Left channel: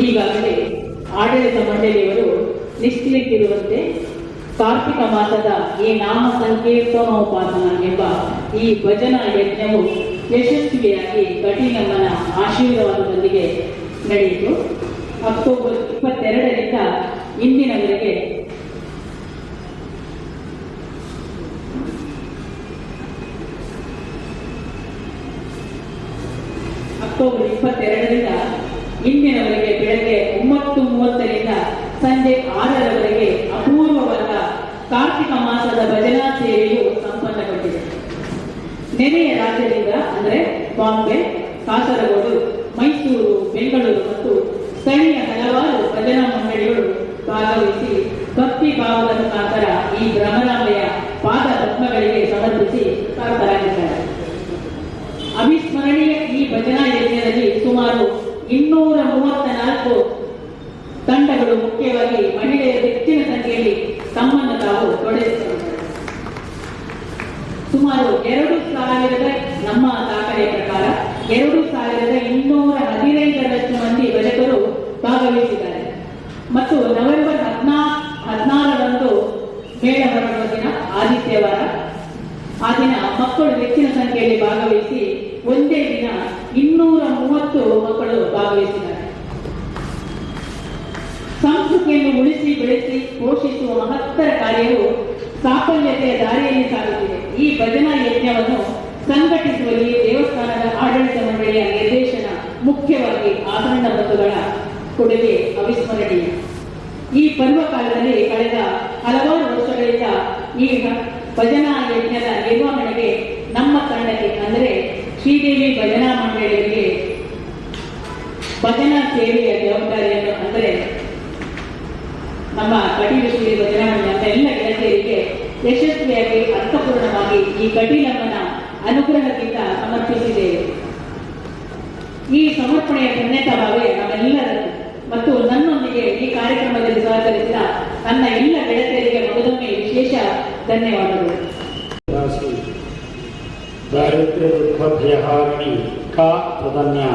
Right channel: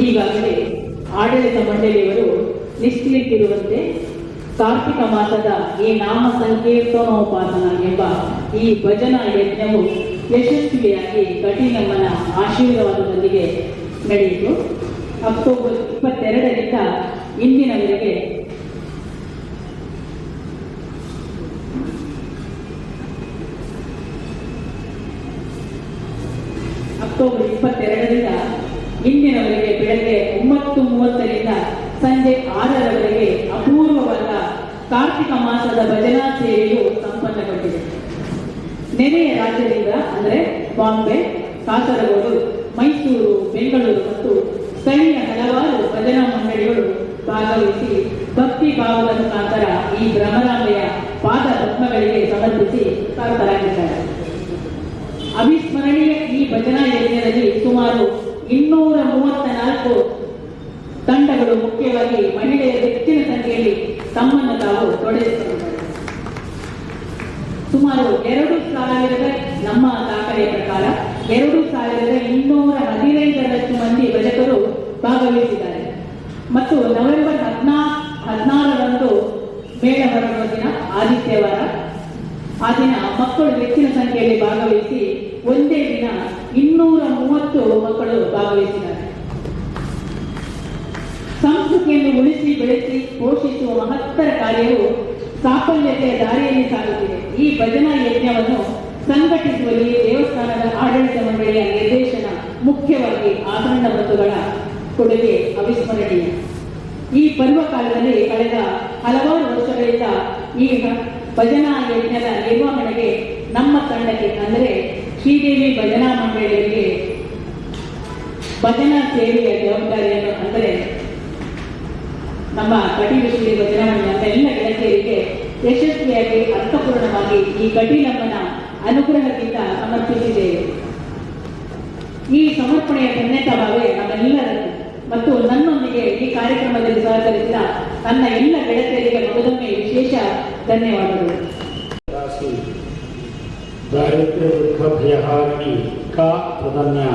ಈಗಾಗಲೇ ಆಡಳಿತ ಮಂಡಳಿಯವರು ನಿಶ್ಚಯಿಸಿರುವಂತೆ ಕಾರ್ತಿಕ ಮಾಸದ ಈ ನಾಮ ಸಂಕೀರ್ತನೋಪಾಸನ ಎಂಬ ಈ ಭಜನಾ ಯಜ್ಞವು ಯಶಸ್ವಿಯಾಗಿ ಕಠಿಣಮ್ಮನ ಆಶೀರ್ವಾದದೊಂದಿಗೆ ನಡೆಯಿತು. ಅಕ್ಟೋಬರ್ ಇಪ್ಪತ್ತೆರಡರಿಂದ ಇಂದಿನವರೆಗೆ ಅಕ್ಟೋಬರ್ ಇಪ್ಪತ್ತೆರಡರಿಂದ ಇಂದಿನವರೆಗೆ ಬೆಳಗ್ಗೆ ಒಂಬತ್ತು ಮೂವತ್ತರಿಂದ ಸಂಜೆ ಆರರವರೆಗೆ ಅಪೂರ್ವವಾದ ಕಾರ್ತಿಕ ಮಾಸದ ಭಜನಾ ಸೇವೆಯು ಸಂಪನ್ನಗೊಂಡಿದೆ. ನೆರೆಯ ರಾಜ್ಯದಿಂದ ಅಂದರೆ ಬಾಂಬೆ, ಕಾಸರಗೋಡು, ಮೈಸೂರು, ಬೆಂಗಳೂರು ಮತ್ತು ಸ್ಥಳೀಯ ಹಲವಾರು ಭಜನಾ ಮಂಡಳಿಗಳು ಭಾಗವಹಿಸಿ ಭಕ್ತಿ ಭಾವದ ಮುಖಾಂತರ ಈ ಗ್ರಾಮರಾಮಯ ಪಾದ ಪದ್ಮಗಳಿಗೆ ಸಮರ್ಪಿಸಿ ಕಾರ್ತರಾಗಿದ್ದಾರೆ. ಅವಿಸ್ಮರಣೀಯ ಈ ಭಜನಾ ಯಜ್ಞದಲ್ಲಿ ಸುಮಾರು ಇನ್ನೂರ ಮೂವತ್ತ ನಾಲ್ಕು ತಂಡಗಳು ಮುಖ್ಯವಾಗಿ ಮಹಿಳೆಯರ ಹೆಚ್ಚಿನ ಸಂಖ್ಯೆಯಲ್ಲಿ ತಮ್ಮನ್ನು ತಾವು ತೊಡಗಿಸಿಕೊಂಡಿದ್ದಾರೆ. ಸುಮಾರು ಎರಡು ಸಾವಿರದ, ನಮ್ಮ ದಾಖಲೆಯ ಪ್ರಕಾರ ಎರಡು ಸಾವಿರದ ಇನ್ನೂರ ಹದಿನೈದರಷ್ಟು ಮಂದಿ ಭಜಕರು ಭಾಗವಹಿಸಿದ್ದಾರೆ. ಮತ್ತು ನವೆಂಬರ್ ಹದಿನಾ, ಹದಿನಾರರಂದು ಮೇಳ ಹೊರಡುವ ದಿನ, ಆದಿತ್ಯವಾರ, ಆ ದಿನ ಮಕ್ಕಳು ಹೆಚ್ಚಿನ ಸಂಖ್ಯೆಯಲ್ಲಿ ಭಾಗವಹಿಸಿ ಒಂದೇ ದಿನ ಇನ್ನೂರ ಮೂವತ್ತು ಮಕ್ಕಳು ಭಾಗವಹಿಸಿದ್ದಾರೆ. ಸಂಸ್ಕೃತಿಯನ್ನು ಉಳಿಸಿ ಬೆಳೆಸಿ ಪೋಷಿಸುವ ಮಹತ್ತರ ಕಾರ್ಯವು ಸಾಫಲ್ಯತೆಯ ದಾರಿಯಲ್ಲಿ ಸಾಗುತ್ತಿದೆ. ಈ ಭಜನಾ ಯಜ್ಞವನ್ನು ಸಂಘಟಿಸುವಲ್ಲಿ ದೇವಸ್ಥಾನದ ಆಡಳಿತ ಮಂಡಳಿಯ ನಿರ್ದೇಶನ ಮುಖ್ಯವಾಗಿ ಆಭರಣ ಬಂಧುಗಳ ಕೊಡುಗೆ ಅವಿಸ್ಮರಣೀಯ. ಈ ಪರ್ವಕಾಲದಲ್ಲಿ ಕಳೆದ ಹಲವಾರು ವರ್ಷಗಳಿಂದ ಈ ಭಜನಾ ಯಜ್ಞದ ನಿರ್ವಹಣೆಗೆ ನಮ್ಮ ತಂಡಕ್ಕೆ ಅಂದರೆ ಶ್ರೀದೇವಿ ಭಜನಾ ಮಂಡಳಿಯಲ್ಲಿ ಭಜನಾ ಸೇವೆಯ ಜವಾಬ್ದಾರಿಯನ್ನು ಅಂದರೆ ನಮ್ಮ ಕಟೀಲು ಶ್ರೀ ಭಜನಾ ಮಂಡಳಿ ಎಲ್ಲ ಗೆಳತಿಯರಿಗೆ ಯಶಸ್ವಿಯಾಗಿ, ಅರ್ಥಪೂರ್ಣವಾಗಿ ಈ ಕಟೀಲಮ್ಮನ ಅನುಗ್ರಹದಿಂದ ಸಮರ್ಪಿಸಿದ್ದೇವೆ ಈ ಸಮರ್ಪಣೆಯ ಧನ್ಯತಾಭಾವೇ ನಮ್ಮೆಲ್ಲರನ್ನು ಮತ್ತು ನನ್ನೊಂದಿಗೆ ಈ ಕಾರ್ಯಕ್ರಮದಲ್ಲಿ ಸಹಕರಿಸಿದ ನನ್ನ ಎಲ್ಲ ಗೆಳತಿಯರಿಗೆ ಮಗದೊಮ್ಮೆ ವಿಶೇಷ ಧನ್ಯವಾದಗಳು. दारिद्र्य दुःख भयहारिणी का प्रधन्य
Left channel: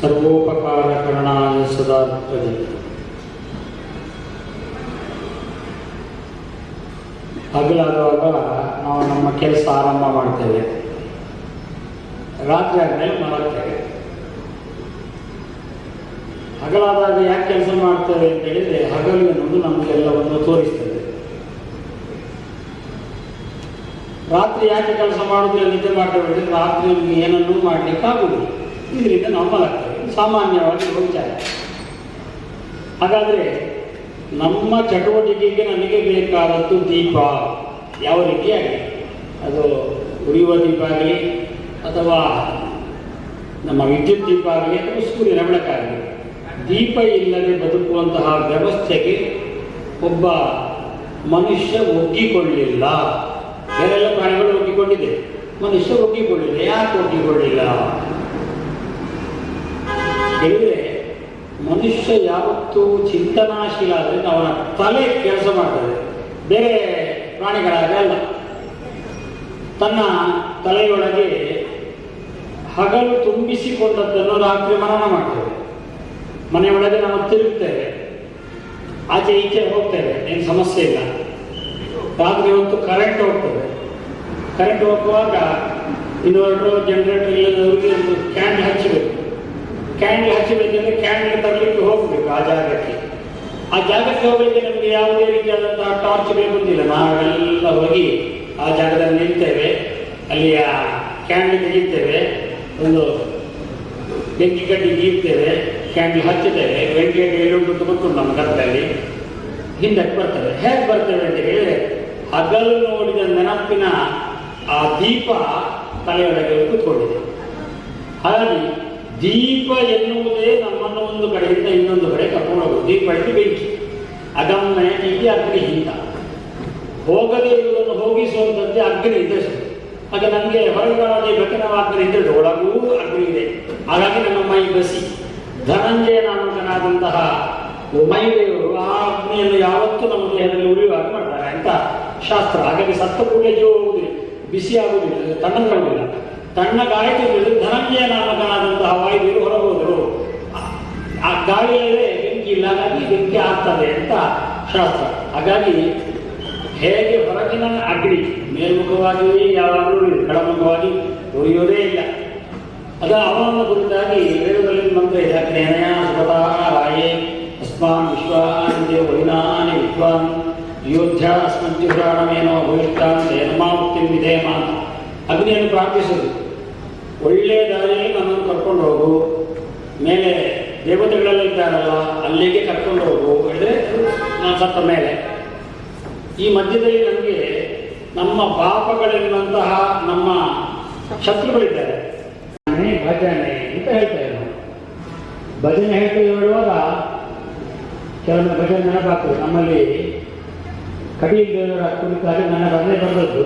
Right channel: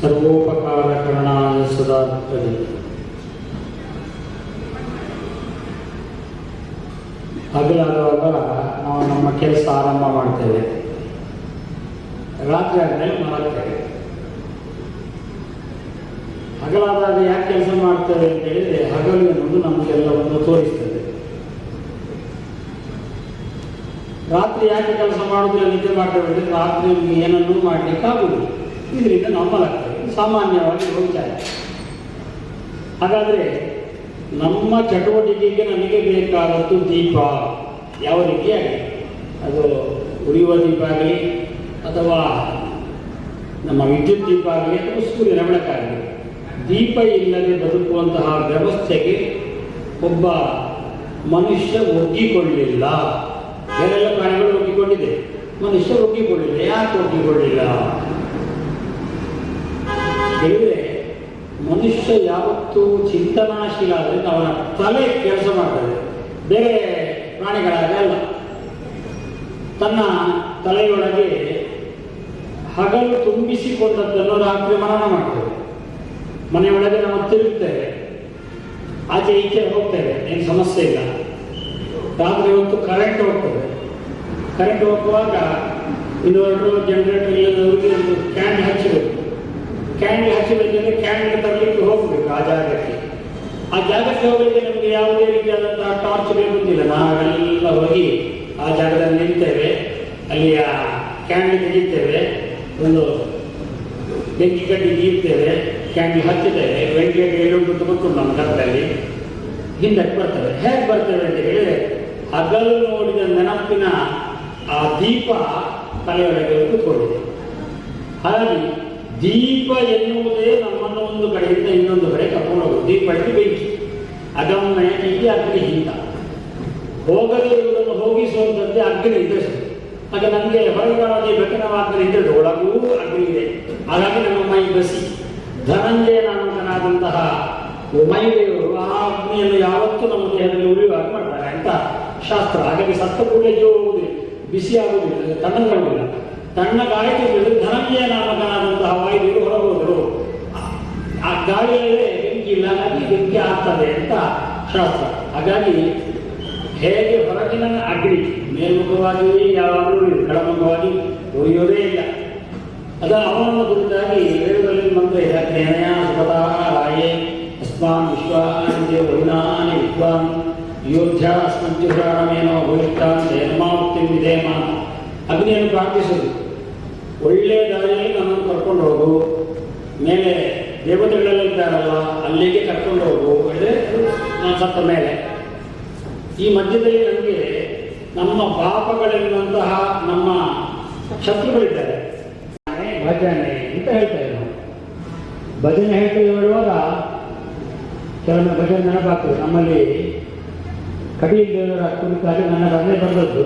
सर्वोपकारकरणाय सदा तदे ಹಗಲಾಗುವಾಗ ನಾವು ನಮ್ಮ ಕೆಲಸ ಆರಂಭ ಮಾಡ್ತೇವೆ ರಾತ್ರಿ ಆದ್ಮೇಲೆ ಮಲಗ್ತೇವೆ ಹಗಲಾದಾಗ ಯಾಕೆ ಕೆಲಸ ಮಾಡ್ತೇವೆ ಅಂತ ಹೇಳಿದ್ರೆ ಹಗಲು ಎನ್ನುವುದು ನಮಗೆಲ್ಲವನ್ನು ತೋರಿಸ್ತದೆ ರಾತ್ರಿ ಯಾಕೆ ಕೆಲಸ ಮಾಡೋದಿಲ್ಲ, ನಿದ್ದೆ ಮಾಡ್ತೇವೆ ರಾತ್ರಿ ಏನನ್ನೂ ಮಾಡ್ಲಿಕ್ಕೆ ಆಗುವುದು ಇದರಿಂದ ನಾವು ಮಲಗ್ತೇವೆ ಸಾಮಾನ್ಯವಾಗಿ ವಿಚಾರ ಹಾಗಾದ್ರೆ ನಮ್ಮ ಚಟುವಟಿಕೆಗೆ ನನಗೆ ಬೇಕಾದದ್ದು ದೀಪ. ಯಾವ ರೀತಿಯಾಗಿ ಅದು ಉರಿಯುವ ದೀಪ ಆಗಲಿ, ಅಥವಾ ನಮ್ಮ ವಿದ್ಯುತ್ ದೀಪ ಆಗಲಿ, ಅಥವಾ ಸೂರ್ಯನ ಬೆಳಕಾಗಲಿ ದೀಪ ಇಲ್ಲದೆ ಬದುಕುವಂತಹ ವ್ಯವಸ್ಥೆಗೆ ಒಬ್ಬ ಮನುಷ್ಯ ಒಗ್ಗಿಕೊಳ್ಳಿಲ್ಲ. ಬೇರೆಲ್ಲ ಪ್ರಾಣಿಗಳು ಒಗ್ಗಿಕೊಂಡಿದೆ ಮನುಷ್ಯ ಒಗ್ಗಿಕೊಳ್ಳಿಲ್ಲ ಯಾಕೆ ಒಗ್ಗಿಕೊಳ್ಳಿಲ್ಲ ಹೇಳಿದ್ರೆ ಮನುಷ್ಯ ಯಾವತ್ತೂ ಚಿಂತನಾಶೀಲ ಆದ್ರಿಂದ ಅವನ ತಲೆ ಕೆಲಸ ಮಾಡ್ತದೆ. ಬೇರೆ ಪ್ರಾಣಿಗಳಾಗ ಅಲ್ಲ. ತನ್ನ ತಲೆಯೊಳಗೆ ಹಗಲು ತುಂಬಿಸಿಕೊಂಡದ್ದನ್ನು ರಾತ್ರಿ ಮನನ ಮಾಡ್ತೇವೆ ಮನೆಯೊಳಗೆ ನಾವು ತಿರುಗ್ತೇವೆ. ಆಚೆ ಈಚೆ ಹೋಗ್ತೇವೆ, ಏನು ಸಮಸ್ಯೆ ಇಲ್ಲ. ರಾತ್ರಿ ಹೊತ್ತು ಕರೆಂಟ್ ಹೋಗ್ತದೆ. ಕರೆಂಟ್ ಹೋಗುವಾಗ ಇನ್ವರ್ಟರ್ ಜನರೇಟರ್ ಇಲ್ಲದವರಿಗೆ ಒಂದು ಕ್ಯಾನ್ ಹಚ್ಚಬೇಕು ಕ್ಯಾನ್ ಹಚ್ಚಬೇಕಂದ್ರೆ ಕ್ಯಾನ್ ತರಲಿಕ್ಕೆ ಹೋಗಬೇಕು ಆ ಜಾಗಕ್ಕೆ. ಆ ಜಾಗಕ್ಕೆ ಹೋಗಲಿಕ್ಕೆ ನಮಗೆ ಯಾವುದೇ ರೀತಿಯಾದಂತಹ ಟಾರ್ಚ್ ಬೇಕಂತಿಲ್ಲ ನಾವೆಲ್ಲ ಹೋಗಿ ಆ ಜಾಗದಲ್ಲಿ ನಿಲ್ತೇವೆ ಅಲ್ಲಿಯ ಆ ಕ್ಯಾಂಡಲ್ ತೆಗಿತೇವೆ ಒಂದು ಬೆಂಕಿ ಕಟ್ಟಿ ಗೀರ್ತೇವೆ ಕ್ಯಾಂಡಲ್ ಹಚ್ಚುತ್ತೇವೆ. ಬೆಂಕಿಯಲ್ಲಿ ಉಂಟು ಗೊತ್ತು ನಮ್ಮ ಕರ್ತಲ್ಲಿ ಹಿಂದಕ್ಕೆ ಬರ್ತದೆ. ಹೇಗೆ ಬರ್ತದೆ ಅಂತ ಹೇಳಿದ್ರೆ ಹಗಲು ನೋಡಿದ ನೆನಪಿನ ಆ ದೀಪ ತಲೆಯೊಳಗೆ ಕೂತ್ಕೊಂಡಿದೆ. ಹಾಗಾಗಿ ದೀಪ ಎನ್ನುವುದೇ ನಮ್ಮನ್ನು ಒಂದು ಕಡೆಯಿಂದ ಇನ್ನೊಂದು ಕಡೆ ಕರ್ಕೊಂಡು ಹೋಗುದು. ದೀಪ ಇಟ್ಟು ಬೆಂಕಿ ಅಗಮ್ಯ ಇಲ್ಲಿ ಅಗ್ನಿ ಹಿಂತ. ಹೋಗದೇ ಇರುವುದನ್ನು ಹೋಗಿಸುವಂಥದ್ದೇ ಅಗ್ನಿ ಇದ್ದಷ್ಟು ಹಾಗೆ ನನಗೆ ಹೊರಗಾಗಿ ಬೆಟ್ಟನವಾಗ್ರೆ ಇದ್ದದ್ದು ಒಳಗೂ ಅಗ್ನಿ ಇದೆ. ಹಾಗಾಗಿ ನಮ್ಮ ಮೈ ಬಸಿ. ಧನಂಜಯ ನಾಮಕನಾದಂತಹ ಮೈದೇವರು ಆ ಅಗ್ನಿಯನ್ನು ಯಾವತ್ತೂ ನಮ್ಮ ದೇಹದಲ್ಲಿ ಉಳಿಯುವಾಗ ಮಾಡ್ತಾರೆ. ಅಂತ ಶಾಸ್ತ್ರ. ಹಾಗಾಗಿ ಸತ್ತ ಕೂಡಲೇ ಜೀವ ಹೋಗುದಿಲ್ಲ ಬಿಸಿ ಆಗುವುದಿಲ್ಲ, ತಣ್ಣಗಾಗುವುದಿಲ್ಲ. ತಣ್ಣ ಬಿಡು ಧನಂಜಯ ನಾಮಕನಾದಂತಹ ವಾಯುದೇವರು ಹೊರಹೋದರು. ಆ- ಗಾಳಿಯಲ್ಲೇ ಬೆಂಕಿ ಇಲ್ಲ ಹಾಗಾಗಿ ಬೆಂಕಿ ಆಗ್ತದೆ ಅಂತ ಶಾಸ್ತ್ರ. ಹಾಗಾಗಿ ಹೇಗೆ ಹೊರಗಿನ ಅಗ್ನಿ ಮೇಲ್ಮುಖವಾಗಿ ಯಾವಾಗಲೂ ಕೆಳಮುಖವಾಗಿ ಉರಿಯೋದೇ ಇಲ್ಲ. ಅದ ಅವನ ಕುರಿತಾಗಿ ವೇದದಲ್ಲಿ ಮಂತ್ರ ಸುಪತಾಹ ರಾಯೇ ಅಸ್ಮಾನ್ ವಿಶ್ವಾನಿ ವೈನಾನಿ ವಿದ್ವಾನ್, ಅಯೋಧ್ಯ ಅಸ್ಮಂತ್ಯುರಾಣಮೇನೋ ಭವಿಷ್ಠಾನ್ ಧರ್ಮಾವೃತ್ತಿ ವಿಧೇಮ ಅಗ್ನಿಯನ್ನು ಪ್ರಾರ್ಥಿಸುದು. ಒಳ್ಳೆಯ ದಾರಿಯಲ್ಲಿ ನನ್ನನ್ನು ಕರ್ಕೊಂಡು ಹೋಗು. ಮೇಲೆ ದೇವತೆಗಳೆಲ್ಲ ಇದ್ದಾರಲ್ಲ, ಅಲ್ಲಿಗೆ ಕರ್ಕೊಂಡು ಹೋಗು ಹೇಳಿದ್ರೆ ನಾನು ಸತ್ತ ಮೇಲೆ. ಈ ಮಧ್ಯದಲ್ಲಿ ನಮಗೆ ನಮ್ಮ ಪಾಪಗಳೆನ್ನುವಂತಹ ನಮ್ಮ ಶತ್ರುಗಳಿದ್ದಾರೆ. ಭಜನೆ ಅಂತ ಹೇಳ್ತಾ ನಾವು ಭಜನೆ ಹೇಳ್ತಾ ಹೇಳುವಾಗ ಕೆಲವೊಮ್ಮೆ ಭಜನೆ ನೆನಪಾಗ್ತದೆ. ನಮ್ಮಲ್ಲಿ ಕಟೀಲ್ ದೇವರ ಕುರಿತಾಗಿ ನನ್ನ ಭಜನೆ ಬರೆದದ್ದು.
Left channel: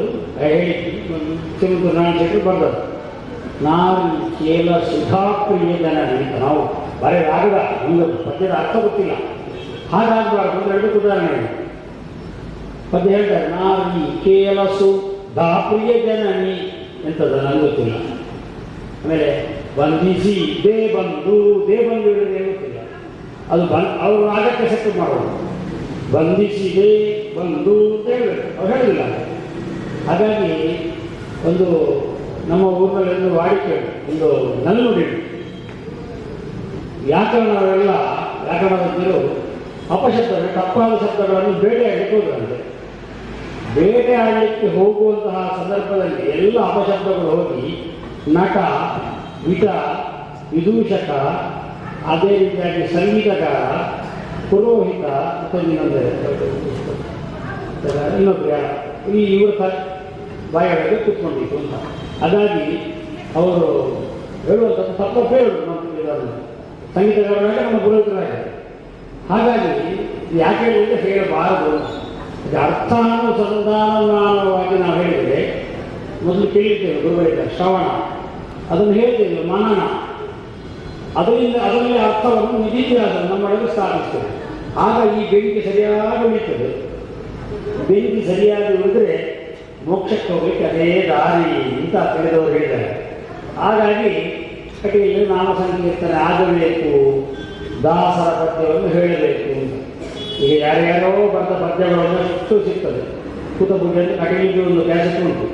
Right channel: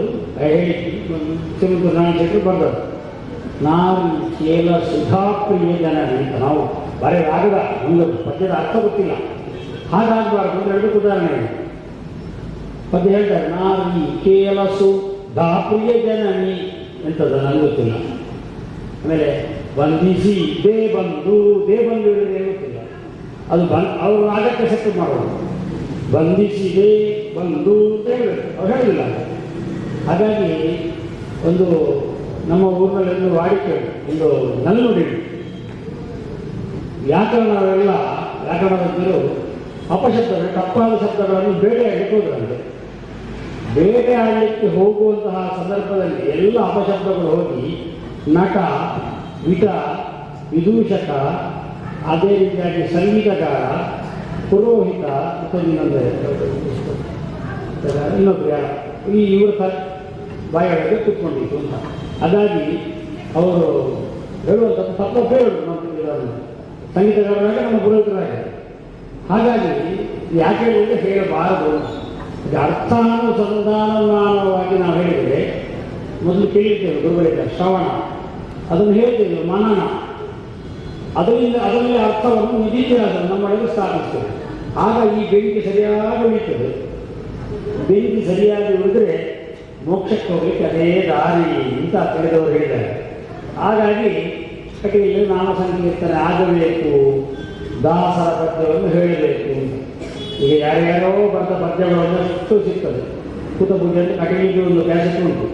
ಶ್ರೀಮಂತ ನಾರಾಯಣ ಶೆಟ್ಟಿ ಬರೆದದ್ದು ನಾವು ಕೇಲ ಸುಧಾಪ್ರಿಯ ಜನ ಅಂತ ನಾವು ಬರೆಯಲಾಗದ ಒಂದು ಪದ್ಯದ ಅರ್ಥ ಗೊತ್ತಿಲ್ಲ. ಹಾಗಾಗಬಾರ್ದು ಹೇಳಿ ಉದಾಹರಣೆ. ಪದ್ಯ ಹೇಳ್ತಾರೆ ನಾವು ಈ ದಾಪ್ರಿಯ ಜನನಿ ಎಂತದ ನನಗೆ ಗೊತ್ತಿಲ್ಲ. ಆಮೇಲೆ, ಬಂಧಿಸಿ ದೇ ಬಂದು ದೇ ಬಂದು ಗೊತ್ತಿಲ್ಲ. ಅದು ಬನ್ ಅವರು ಆಗಕ್ಕೆ ಸೆಟ್ ಮಾಡೋದು ಬಂಧಿಸಿದೆ ಬಂದು ಅಂತ ಹೇಳಬೇಕು ಅವ್ರು ಹೇಳಿಲ್ಲ ಹಾಗಾಗಿ ಒಂದು ನಮ್ಮ ಊರಿನಲ್ಲಿ ಒಂದು ವಾಡಿಕೆ, ಒಂದು ನಲ್ನುಡಿ. ವ್ಯಾಕರಣವೆಲ್ಲ ವ್ಯಾಕರಣಜ್ಞರು ಅಪಶಬ್ದಗಳು, ತಪ್ಪಾದ ಶಬ್ದಗಳನ್ನು ಬೇಟೆಯಾಡಲಿಕ್ಕೆ ಹೋದ್ರಂತೆ. ಬೇಟೆಯಾಡಲಿಕ್ಕೆ ಹೋಗುವಂತಹ ಸಂದರ್ಭದಲ್ಲಿ ಎಲ್ಲ ಅಪಶಬ್ದಗಳು ಹೋಗಿ ನಟ, ವಿಟ, ವಿದೂಷಕ, ಅದೇ ರೀತಿಯಾಗಿ ಸಂಗೀತಗಾರ, ಪುರೋಹಿತ, ಮತ್ತು ಇನ್ನೊಂದು ಇನ್ನೊಬ್ಬರು ಈ ಇವರು ತ ಬಾಯೊಳಗೆ ಕೂತ್ಕೊಂಡಿತ್ತು ಅಂತ. ಹಾಗಾಗಿ ಅವರು ಹೇಳುವಂಥದ್ದು ತಪ್ಪ ಹೇಳೋದು ನಮ್ಮ ಸಂಗೀತಗಾರರಾಗ ನಮ್ಮ ಪುರೋಹಿತರಾಗ. ಹಾಗಾಗಿ ಯಾಕೆ ಹೇಳಿದ್ರೆ ಹೇಳಬಾರದು. ಇದು ಅರ್ಥಾನುಸಂಧಾನವಾಗಿ ನಾವು ಹೇಳಿದರೆ ಮೊದಲು ಕೇಳಿದ್ದೇವೆ ಗುರುಗಳಿಂದ ಶ್ರವಣ. ಅದನ್ನು ಹೇಳಿದ್ದೇವೆ ಮನನ. ಅದರಿಂದ ಅದರಲ್ಲಿ ಅರ್ಥವನ್ನು ನಿಧಿತ್ಯಾಸ ನಮ್ಮೊಳಗೆ ಸ್ಥಾಪಿಸ್ತೇವೆ ಆಗ ಈ ಬೆಂಕಿ ಸರಿಯಾಗಿ ಉಳಿತದೆ. ಬೆಂಕಿ ಸರಿಯಾಗಿ ಉಳಿದ್ರೆ ಮೋಕ್ಷಕ್ಕೆ ಹೋಗ್ಲಿಕ್ಕೆ ಅದೇ ದಾರಿ ಅಂತ ತಿಳಿದವರು ಹೇಳಿದ್ದಾರೆ. ಹಾಗಾಗಿ ಕಟೀಲು ನಾಮ ಸಂಕೀರ್ತನೆ ಆಗಬೇಕು, ದಾಸರ ಪದ್ಯವನ್ನು ಹೇಳಬೇಕು ಈಗ ಯಾರ್ಯಾರೋ ಬರೆದ ಪದ್ಯಗಳನ್ನು ಅಷ್ಟು ಸಿಗ್ತದೆ. ಕೂತಪೂಜೆ ಅಂತ ಕಟೀಲಿಗೆ ಒಂದು ಕ್ಯಾಸೆಟ್ ಉಂಟು.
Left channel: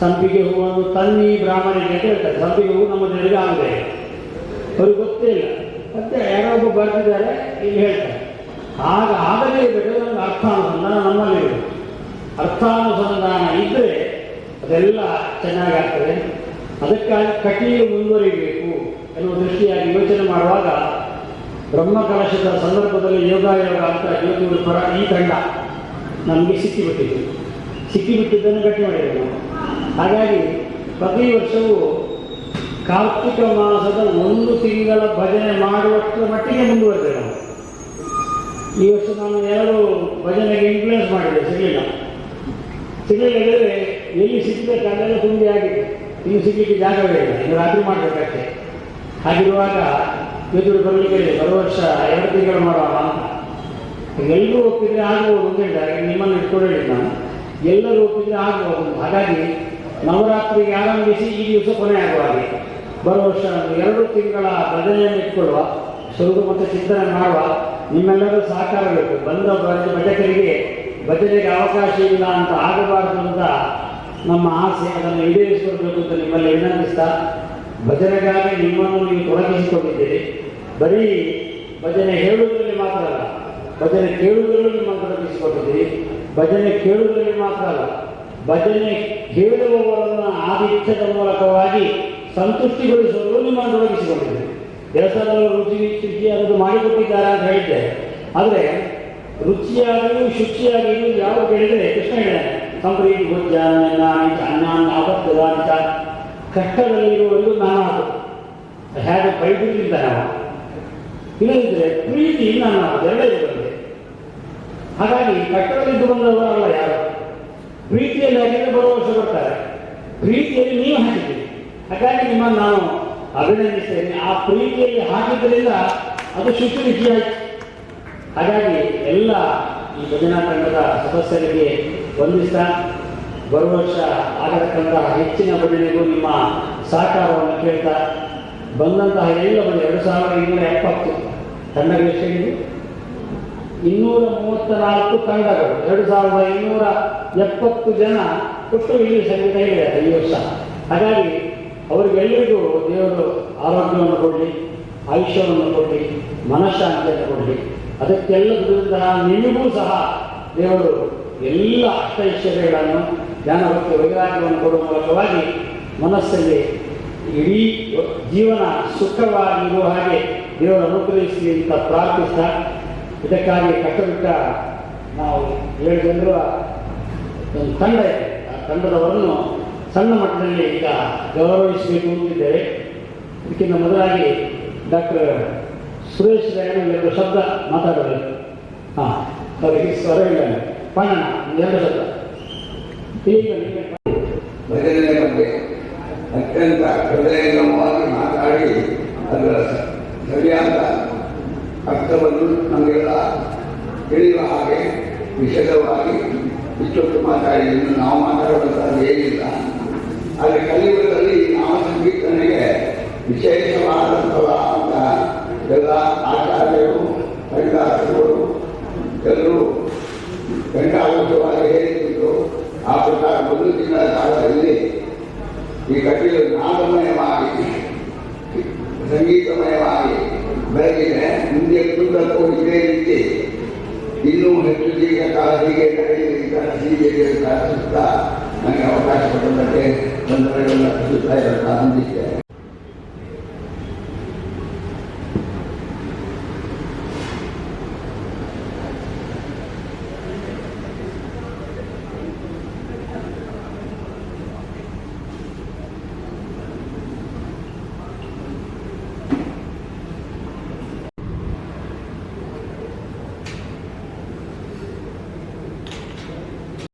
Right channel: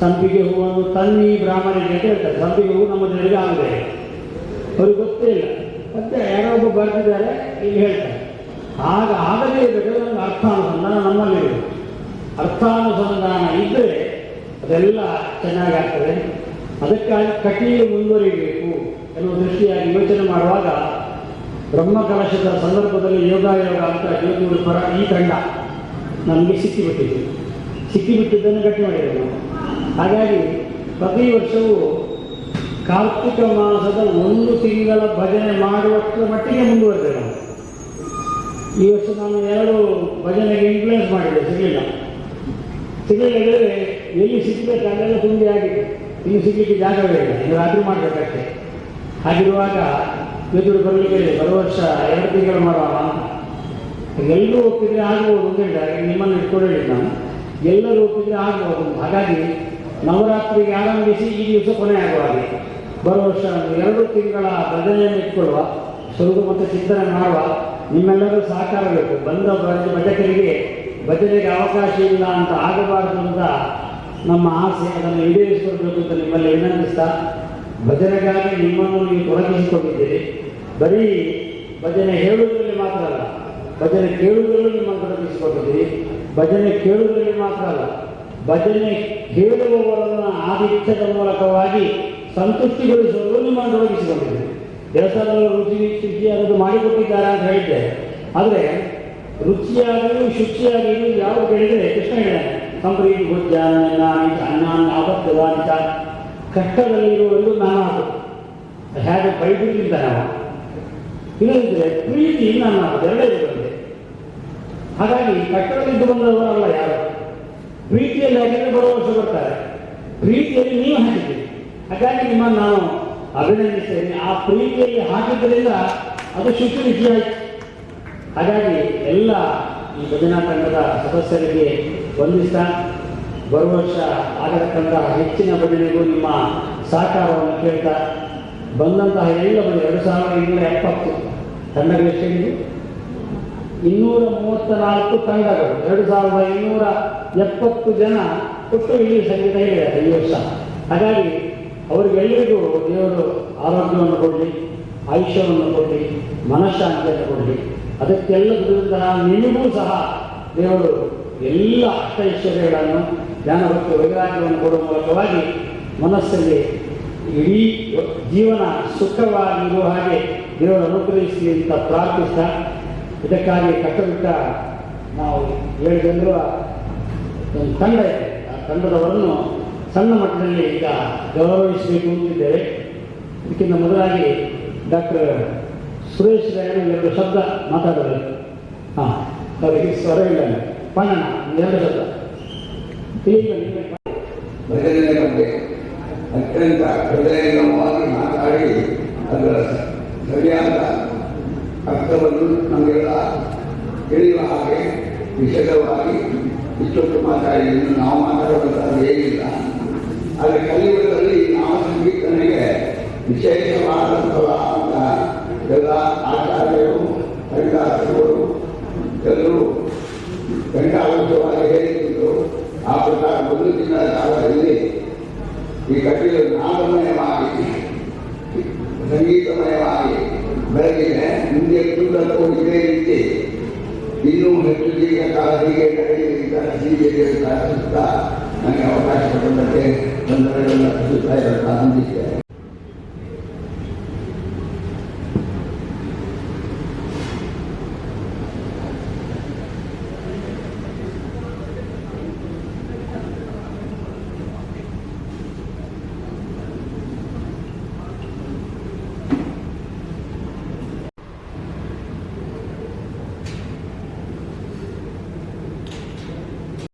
ಸಂಪಿಗೆ ಹೂವನ್ನು ತನ್ನಿ ಬ್ರಾಹ್ಮಣರಿಗೆ ಅಂತ ಹೇಳ್ತಾರೆ. ಸಂಪಿಗೆ ಹೂವು ನಮ್ಮ ಜನರಿಗೆ ಆಗದೆ ಅವ್ರಿಗೆ ಗೊತ್ತೇ ಇಲ್ಲ. ಮತ್ತೆ ಯಾರೋ ಒಬ್ಬ ಬರೆದಿದ್ದಾರೆ, ಇಲ್ಲಿ ಹೇಳ್ತಾರೆ. ಆಗ ಆಗಲೇ ಇರಬೇಕು ನಮ್ಗೆ ಅರ್ಥಾನುಸಂಧಾನ ನಮ್ಮಲ್ಲಿ ಇರಬೇಕು ಅರ್ಥಾನುಸಂಧಾನ ಇದ್ದರೆ ಅದೆಲ್ಲ ಚೆನ್ನಾಗಾಗ್ತದೆ. ಅದಕ್ಕಾಗಿ ಕಟೀಲು ಮುಂದುವರಿಬೇಕು ಎನ್ನುವ ದೃಷ್ಟಿಯಾಗಿ ಯೋಚನೆ ಮಾಡುವಾಗ ಬ್ರಹ್ಮಕಲಶದ ಸಂದರ್ಭದಲ್ಲಿ ಯೋಗ ಯೋಗ ಅಂತ ಯೋಗಿಗಳು ಪರ ಈ ತಂಡ ನಮಗೆ ಸಿಕ್ಕಿಬಿಟ್ಟಿದೆ. ಸಿಕ್ಕಿಬಿಟ್ಟಿದ್ದನ್ನು ಗಟ್ಟಿ ಮಾಡಿದ್ದೇವೆ ನಾವು. ಹಾಗಾಗಿ ಪ್ರತಿ ವರ್ಷವೂ ಕಾರ್ತಿಕ ಮಾಸದ ಒಂದು ತಿಂಗಳ ಭಜನೆ ಮಾಡುವಷ್ಟರ ಮಟ್ಟಿಗೆ ಮುಂದುವರೆದೆ ನಾವು. ಈ ವರ್ಷ ನಾನು ಎರಡು ಭಜನೆಗೆ ಇನ್ಫ್ಲೂಯೆನ್ಸ್ ಮಾಡಿದೆ, ಸಿಗಲಿಲ್ಲ. ಸಿಗಲಿಲ್ಲ ಹೇಳಿದ್ರೆ ಎಲ್ಲಿ ಸಿಗಬೇಕು ಅಲ್ಲೆಲ್ಲ ತುಂಬಿ ಆಗಿದೆ. ಇನ್ನು ಸಿಗಲಿಕ್ಕೆ ಜಾಗವೇ ಇಲ್ಲ. ರಾತ್ರಿ ಮಾಡಬೇಕಷ್ಟೇ. ಹಾಗಿರುವಾಗ ಎದುರು ಬರಲಿಕ್ಕೆ ಬರುವ ವರ್ಷ ಎರಡು ತಿಂಗಳು ಮಾಡೋಣ ಅಂತ. ಎಲ್ಲರೂ ಒಪ್ಪಿದ್ರೆ ಆಗ್ಬೋದು ಅಂತ ನಿಮ್ಮನ್ನು ಇಟ್ಕೊಂಡೇಳಿ ನಾನು. ಎಲ್ಲರೂ ಒಪ್ಪಿದ್ರೆ ಆಗ್ಬೋದು ಹಾಗಾಗಿ ನವರಾತ್ರಿಗೆ ಆರಂಭಿಸಿ ಈ ದಿವಸ ಕೊನೆ ಆಗುವ ಹಾಗೆ. ಬರುವ ವರ್ಷ ಎರಡು ತಿಂಗಳ ಭಜನೆಯನ್ನು ಇಟ್ಕೊಳ್ಳುವ ಸ್ವಲ್ಪ ಮತ್ತು ಚಿಂತನೆ ಮಾಡುವ ನಿಮ್ಮೆಲ್ಲರೂ ಸಹಕಾರ ಬೇಕು. ಬಂದ ಭಜ ಭಜಕರಿಗೆ ಭಜನೆಗೆ ಅವಕಾಶ ಇಲ್ಲ ಅಂತ ಆಗಬಾರದು ಅಂತ ನಮ್ಮ ಆಸೆ ಅದನ್ನು ಈಡೇರಿಸಿಕೊಳ್ಬೇಕು ಅಂತ ನಿಮ್ಮಲ್ಲಿ ವಿನಂತಿಸ್ತಾ. ಭಜನೆಗಾಗಿ ನಿಮ್ಮನ್ನು ನೀವು ತೊಡಗಿಸಿಕೊಂಡಿದ್ದೀರಿ. ಬರೀ ಭಜನೆ ಹೇಳುವುದರಲ್ಲಿ ಮಾತ್ರ ಅಲ್ಲ, ಭಜನೆ ಕೇಳುವುದರಲ್ಲಿ ನಿಮ್ಮನ್ನು ತೊಡಗಿಸಿಕೊಂಡಿದ್ದೀರಿ. ಭಜನೆ ಕೇಳುವುದರಲ್ಲಿ ಮಾತ್ರ ಅಲ್ಲ, ಭಜನೆ ಹೇಳುವವರನ್ನು ಆದಿತ್ಯದ ಮೂಲಕವಾಗಿ ಸಂತುಷ್ಟಿಗೊಳಿಸುವುದು ನಿಮ್ಮನ್ನು ತೊಡಗಿಸಿಕೊಂಡಿದ್ದೀರಿ. ದೇವಸ್ಥಾನದಲ್ಲಿ ರುಚಿ ಅನ್ನೋದು ಮಾಡಿಕೊಟ್ಟಿದ್ದಾರೆ ಅಂತ ಹೇಳಿದ್ದೆ. ಆದರೆ ರುಚಿಯಾಗಿಯೂ ಶುಚಿಯಾಗಿಯೂ ಯಾವ ಕೇಳಿದರೆ ಕೃಷ್ಣ ಹೇಳ ಸಂಪ್ರೀತಿ, ಭೋಜ್ಯ ಅನ್ನ ಆಪತ್ತದಾನಿತ ಕಷ್ಟದಲ್ಲಿರುವವರೆಗೂ ನಾನು ಅದು. ಹೇಗೆ ಬೈಬಿಟ್ಟಿಲ್ಲ ನಾವು. ಇಲ್ಲದಿದ್ದರೆ ಪ್ರೀತಿ ನಾನು ಎರಡೇ ಬಂದೆ ಹಾಗಾಗಿ ಕಷ್ಟದಲ್ಲಿದ್ದು ಬಂದವರಲ್ಲ ಯಾರು? ಪ್ರೀತಿಯಲ್ಲಿ ಹಾಕಿದ್ರೆ ವರ್ಷ ಬರ್ತಾರೆ. ಪ್ರೀತಿಯಲ್ಲಿ ನೀವು ಹಾಕಿದ್ದೀರಿ ಹಾಗಾಗಿ ನಿಮ್ಮನ್ನು ನಾನು ಅಭಿನಂದಿಸ್ತೇನೆ. ಆ ಪ್ರೀತಿಯಲ್ಲಿ ಹಾಕಿದ್ದರಿಂದ ಅದು ಶುಚಿಯಾಯಿತು ಹಾಗಾಗಿ ಎಲ್ಲ ಈ ಭಜನಾ ತಂಡದ ಸದಸ್ಯರಿಗೆ ವಂದಿಸ್ತಾ ಬರುವ ವರ್ಷ ಆಗತಕ್ಕಂತಹ ಹೆಚ್ಚಿನ ಭಜನೆಗೂ ನಿಮ್ಮ ಸಹಕಾರವನ್ನು ಕೇಳ್ತಾ ಬಂದಂತಹ ಎಲ್ಲ ಭಜನೆ, ಎರಡು ಸಾವಿರದ ಇನ್ನೂರ ಎಪ್ಪತ್ತು ತಂಡಗಳು ಎಷ್ಟಿದೆ ಇನ್ನೂರ ಮೂವತ್ತ ನಾಲ್ಕು ತಂಡಗಳು, ಎರಡು ಸಾವಿರದ ಇನ್ನೂರ ಎಪ್ಪತ್ತು ಜನ ಕೊಟ್ಟು ಇಲ್ಲಿ ಸಂಗೀತ ಹೇಳಿದ್ದಾರೆ ಈ ವರ್ಷ. ಹಾಗಾಗಿ ಅವರಿಗೆಲ್ಲರಿಗೂ ದೇವರು ಆರೋಗ್ಯವನ್ನು ಕೊಡಲಿ. ಆಯುಷ್ಯವನ್ನು ಕೊಡಲಿ, ಮನಃಶಾಂತಿಯನ್ನು ಕೊಡಲಿ. ಅದಕ್ಕೆಲ್ಲ ದುಡಿದಂತಹ ನಿಮಗೂ ಸಹ ದೇವರು ಎಲ್ಲ ಅಷ್ಟೈಶ್ವರ್ಯಗಳನ್ನು, ಜ್ಞಾನ ಭಕ್ತಿ ವೈರಾಗ್ಯವನ್ನು ಕೊಡುವ ಮೂಲಕವಾಗಿ ಮನಸ್ಸಲ್ಲಿ ಇಡೀ ಜೀವನ ಸುಖವಾಗಿರುವ ಹಾಗೆ ದೇವರು ಅನುಗ್ರಹಿಸಲಿ ಅಂತ ಪ್ರಾರ್ಥಿಸ್ತಾ. ಇದಕ್ಕಾಗಿ ಕಟ್ಟಬಿಟ್ಟ ನಾವು ಹೇಳಿದಂದಿರುವ ಒಂದು ತಂಡ ಇದೆ. ಆ ತಂಡದವರನ್ನು ಸಣ್ಣ ಮಟ್ಟದಲ್ಲಿ ಈಗ ಗೌರವಿಸಬೇಕು ಅಂತಿದ್ದೇವೆ. ಇದಕ್ಕಿಂತ ಮೊದಲಾಗಿ ಡಾಕ್ಟರ್ ಸುರೇಶ್ ರೇಣು ಎರಡು ಶಬ್ದ ಮಾತಾಡೋದು. ಹಾಂ, ಅವರಿಗೆ ಸ್ವರ ಇಲ್ಲ. ಒಂದು ಎರಡು ಶಬ್ದ. ಈಗ ನೀವೇ ಭಜನೆಯ ಬಗ್ಗೆ ಅತ್ಯಂತ ಹೃದಯಂಗಮವಾಗಿ ಮಾತಾಡಿ ಅದರ ಸರಿಯಾದ ಅರ್ಥವನ್ನು ನಮಗೆಲ್ಲ ತಿಳಿಯುವ ಹಾಗೆ ವಿಶದವಾಗಿ ಇಷ್ಟೊತ್ತು ಮಾತಾಡಿ ನಾವು ಮಾತಾಡುವಂಥದ್ದು ಏನಿಲ್ಲ. ಆದರೆ ಕಲಿಯುಗದಲ್ಲಿ ನಾವು ಸಂಗೀತನಿಗೆ ವಿಶೇಷವಾದಂತಹ ಎಲ್ಲ ಆಚಾರ್ಯರು, ಹರಿದಾಸರು, ಎಲ್ಲರೂ ಗಂಟಾವೃತವಾಗಿ ಹೇಳಿದ್ದು ಆ ಪ್ರಕಾರ ಒಂದು ತಿಂಗಳ ಕಾಲದಲ್ಲಿ ಈ ಕಥೆಯು ನಾದಮಯವಾಗಿ ಸಂಗೀತಮಯವಾಗಿ ಬೆಳಗಿದೆ ಮುಂದೆ ಕುಂದಕ್ಕೂ ಇದೇ ರೀತಿ. ಇನ್ನೂ ಹೆಚ್ಚು ದೀರ್ಘ ಕಾಲ ಹೀಗೆ ನಡೆಯಲಿದ್ದಾರೆ ಹೀಗೆ ನನಗೆ ಅವಕಾಶ ಕೊಟ್ಟಂತೆ ಬಂದರೆ ಸುತ್ತ ಇರಲ್ಲ